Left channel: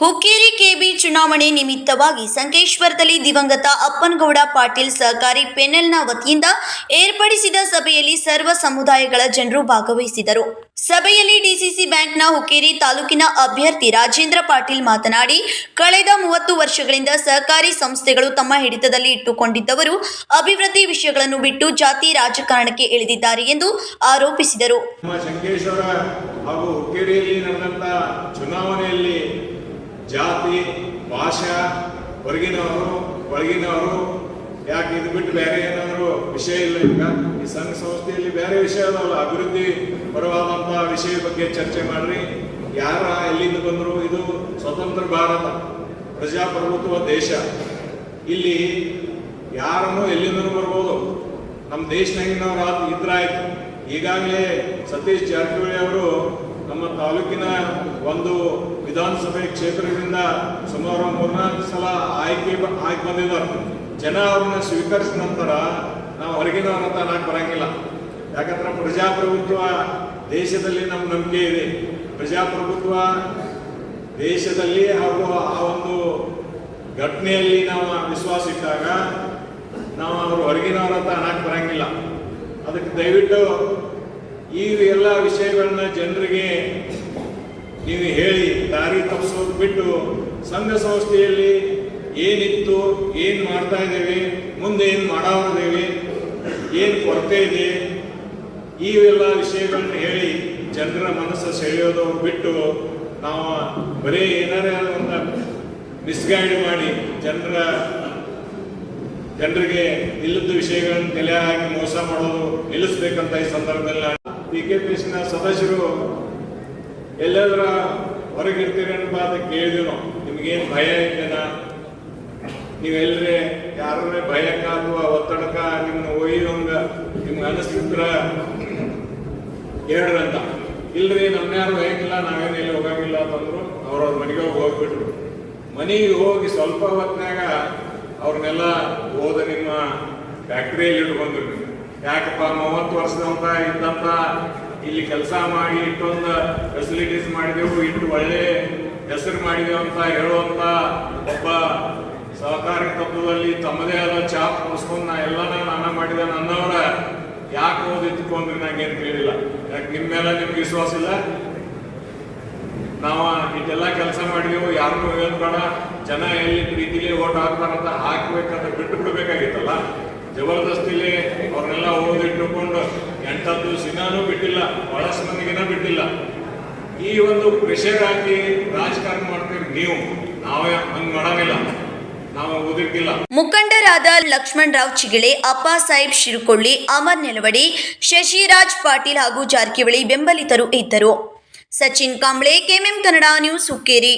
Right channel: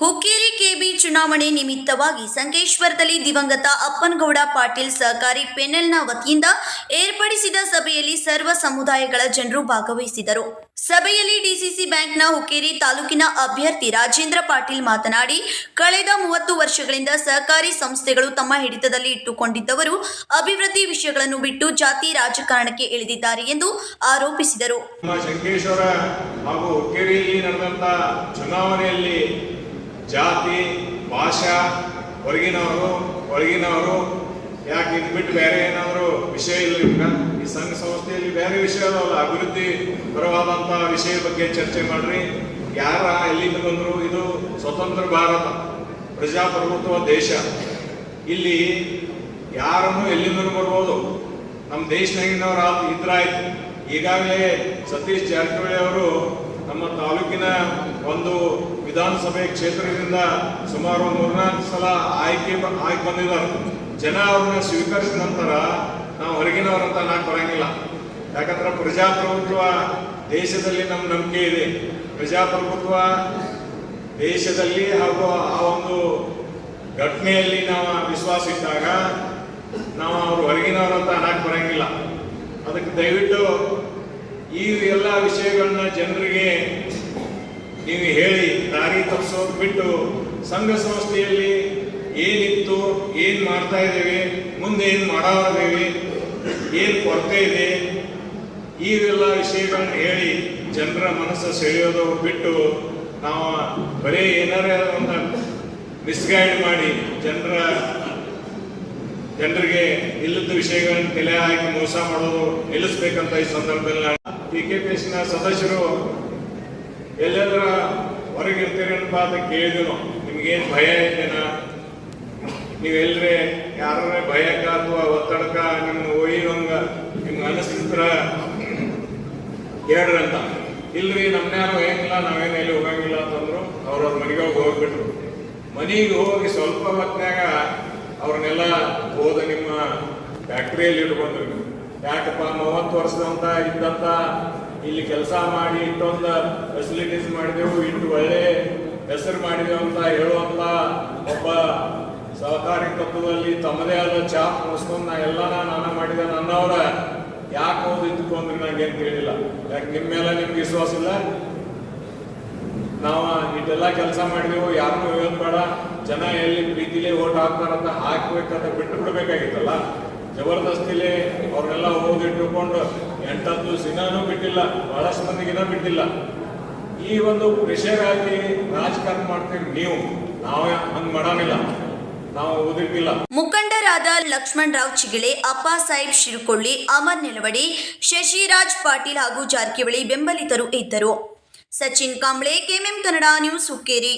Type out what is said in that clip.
Hukkeri KB ಚುನಾವಣೆ ನಿಮಿತ್ತವಾಗಿ ಸಂಕೇಶ್ವರದಲ್ಲಿ ದಿವಂಗತ ಅಪ್ಪನಗೌಡ ಪಾಟೀಲ್ ಸಹಕಾರಿ ಪೆನೆಲ್ನ ವತಿಯಿಂದ ಏರ್ಪಡಿಸಿದ ಸಭೆಯಲ್ಲಿ ಸರ್ವ ಸಮುದಾಯಗಳ ಜನರು ಭಾಗವಹಿಸಿದರು. ಸಭೆಯಲ್ಲಿ ಡಿಸಿಸಿ ಬ್ಯಾಂಕ್ನ ಹುಕ್ಕೇರಿ ತಾಲೂಕಿನ ಅಭ್ಯರ್ಥಿ ರಾಜೇಂದ್ರ ಪಾಟೀಲ್ ಮಾತನಾಡಿ, ಕಳೆದ ಮೂವತ್ತು ವರ್ಷಗಳಿಂದ ಸಹಕಾರಿ ಸಂಸ್ಥೆಗಳು ತಮ್ಮ ಹಿಡಿತದಲ್ಲಿ ಇಟ್ಟುಕೊಂಡಿದ್ದವರು ಅಭಿವೃದ್ಧಿ ವಿಷಯಗಳನ್ನು ಬಿಟ್ಟು ಜಾತಿ ರಾಜಕಾರಣಕ್ಕೆ ಇಳಿದಿದ್ದಾರೆ ಎಂದು ಆರೋಪಿಸಿದರು. ಚುನಾವಣೆಯಲ್ಲಿ ಜಾತಿ, ಭಾಷಾ, ಹೊರಗಿನವರು, ಒಳಗಿನವರು, ಯಾಕೆ ಇದು ಬಿಟ್ಟು ಬೇರೆ ಏನಾದರೂ ವಿಷಯ ಇಲ್ಲ ಈಗ ಈ ಸಂಘ ಸಂಸ್ಥೆಯಲ್ಲಿ ಬೇರೆ ವಿಷಯ ಅಲ್ಲ. ಅಭಿವೃದ್ಧಿ ಪರವಾದಂತಹ ವಿಷಯ ಬಗ್ಗೆ ಚರ್ಚೆ ಮಾಡ್ರಿ. ಯಾರ, ಎಲ್ಲಿಂದ ಬಂದರು ಇದು ಸ್ವತಂತ್ರ ಭಾರತ, ಪ್ರಜಾಪ್ರಭುತ್ವ ದೇಶ. ಇಲ್ಲಿ ಯಾರನ್ನು ಎಲ್ಲಿಂದನೂ ಬರ್ಬೋದು. ನಮ್ಮ ದೇಶನಾಗಿನವ್ರು ಇದ್ರಾಯ್ತು. ಈಗಾಗಲೇ ಸತೀಶ್ ಜಾರಕಿಹೊಳಿ ಅವರು ವಿಧಾನಸಭೆ ಕ್ಷೇತ್ರದಿಂದ ಸುಮಾರು ಮೂರ್ನಾಲ್ಕು ಸಲ ಆಯ್ಕೆ ಆಯ್ಕೆ ಬಂದಿದ್ದಾರೆ ಜನ ಅವ್ರನ್ನ ಸ್ವೀಕರಿಸಿದ ನಂತರ ನಾವು ಹೊರಗಿನವರಂತ ನಾನು ಬರಂಗಿಲ್ಲ. ಯಾಕಂದ್ರೆ ಪ್ರಜಾಪ್ರಭುತ್ವ ದೇಶದಲ್ಲಿ ನಮ್ಮ ನಂಬಿಕೆ ಇದೆ. ಪ್ರಜಾಪ್ರಭುತ್ವ ದೇಶದಲ್ಲಿ ಹಾಗೂ ಆ ಒಂದು ಘಟನೆಯಲ್ಲಿ ನಾವು ವಿಶ್ವಾಸ ಇದ್ದಾಗ ನಾವು ಅವ್ರ ಹೊರಗಿನವ್ರ ಅಂತ ನಾನು ಬರಂಗಿಲ್ಲ. ಅದಕ್ಕೆ ದಯವಿಟ್ಟು ಈ ಎಲ್ಲ ವಿಷಯಗಳನ್ನ ಜನರಿಗೆ ನೀವು ಹೇಳಿ, ದಾರಿ ತಪ್ಪಿಸೋದು ಬಿಟ್ಟು ಸಂಘ ಸಂಸ್ಥೆಯಲ್ಲಿ ಏನಿತ್ತು, ಏನು ಮಾಡ್ತಾ ಇದ್ದೇವೆ, ಮುಂದೆ ಏನ್ ಮಾಡಾದೇವೆ ಏನು ಕೊರತೆ ಇದೆ, ಇವೆಲ್ಲ ವಿಷಯಗಳನ್ನು ಹೇಳಿ ಜನರ ಮನಸ್ಸು ಸೆಳೆಯೋದು ಬಿಟ್ಟು ನಾವು ಬರೀ ಏನಾರ ಒಂದು ಮಿಸ್ಗೈಡ್ ಮಾಡಿ ಜನರ, ಜನರಿಗೆ ಇಲ್ಲದ ವಿಷಯಗಳನ್ನು ತಲೆ ಹಾಕಿ ಮೋಸ ಮಾಡೋದು ನಿಲ್ಲಿಸ್ಬೇಕಂತ ಈ ಸಂದರ್ಭದಲ್ಲಿ ಪಿ ಕೆ ಪಿ ಸದಸ್ಯರು ಎಲ್ಲೆಲ್ಲರ ಹೊರಗಿರ್ತೀರಿ ಅಂತ ಕೇಳಿದ್ರು. ನಿಮ್ಗೇನು ಭಯ ಇದ್ದೇನ ನೀವೆಲ್ಲರೇ ಯಾರ ಭಯಕ್ಕ ಅಥವಾ ಒತ್ತಡಕ್ಕ ನಿಮ್ಮ ಒಯ್ಯುವಂಗ ನಿಮ್ಗೆ ಅನಿಸ್ತಿದ್ರ? ಹೇಳ್ರಿ ಅಂತ. ಇಲ್ರಿ, ನಮ್ನ್ಯಾರು ಏನಿಲ್ಲ ನಾವೇನು ಎಲ್ಲಿ ಹೋಗಂಗಿಲ್ಲ ಅಂತಂದ್ರು ಅವ್ರವ್ರ ಮನೆಗೆ ಹೋಗಿ ಹೋಗ್ಬಿಟ್ರು. ಮನೆಗೆ ಹೋಗಿ ಸ್ವಲ್ಪ ಹೊತ್ತಿನಾಗ ಅವ್ರನ್ನೆಲ್ಲ ಹೋದ ನಿಮ್ಮ ಫ್ಯಾಕ್ಟ್ರಿಯಲ್ಲಿ ಇಟ್ಕೊಂಡ್ರು. ಯಾಕಪ್ಪ, ಮೂವತ್ತು ವರ್ಷದಂತ ಇದ್ದಂತ ಇಲ್ಲಿ ಕೆಲಸ ಮಾಡಿ ಇಟ್ಟೊಂದು ಫೆಸಿಲಿಟೀಸ್ ಮಾಡಿದೆವು, ಇಟ್ಟು ಒಳ್ಳೆ ಹೆಸರು ಮಾಡಿದೆವು ಅಂತ ಹೇಳುವಂತ ಒಬ್ಬ ಸಹಕಾರಿ ತತ್ವದಲ್ಲಿ ತಮ್ಮದೇ ಆದ ಚಾಪ್ ಮುಗಿಸ್ಕೊಂಡು ನಾ ಎಲ್ಲ ನಾನ ಮಾಡಿದೆ ನನ್ನವ್ರ ಯಾಕೆ ಹೋಗಿ ಇಟ್ಕೊಂಡ್ರಿ ನಂಗೇನು ಕೇಳಿಲ್ಲ. ಯಾಕೆ ನಿಮ್ಮ ಮೇಲೆ ನಿಮ್ಗೆ ವಿಶ್ವಾಸ ಇಲ್ಲ? ನಾವು ಇಟ್ಟೆಲ್ಲ ಕೆಲಸ ಮಾಡಿದೆವು, ಯಾರಿಗೂ ಹೇಳ್ಬೇಡ. ಜನ ಎಲ್ಲಿ ಪ್ರೀತಿಲಿ ಓಟ್ ಹಾಕ್ತಾರಂತ ಹಾಕ್ಬೇಕಂತ ಬಿಟ್ಟು ಬಿಡ್ಬೇಕಾಗಿತ್ತಲ್ಲ. ಜಬರ್ದಸ್ತಿಲಿ ಅವ್ರನ್ನೆಲ್ಲ ಓದಿಟ್ಟುಕೊಂಡು ಎಂಟತ್ತು ಸಿನಾನು ಬಿಟ್ಟಿಲ್ಲ ಬಹಳಷ್ಟು ಮಂದಿಗಿನ ಬಿಟ್ಟಿಲ್ಲ. ಈ ಒಂದು ವಿಷಯವಾಗಿ ರಾಜಕಾರಣ ಮಾಡ್ತೀವಿ ನೀವು. ನಾವೇ ಹಂಗ್ ಓದಿರ್ಕಿಲ್ಲ ಮುಖಂಡರಾದ ಲಕ್ಷ್ಮಣ್ ರಾವ್ ಚಿಗಿಳೆ, ಅಪ್ಪ ಸಾಹೇಬ್ ಶಿರುಕೊಳ್ಳಿ, ಅಮರ್ ನೆಲವಡಿ, ಶಶಿರಾಜ್ ಪಾಟೀಲ್ ಹಾಗೂ ಜಾರಕಿಹೊಳಿ ಬೆಂಬಲಿತರು ಇದ್ದರು. Sachin Kamble, KMM Kannada news Hukkeri.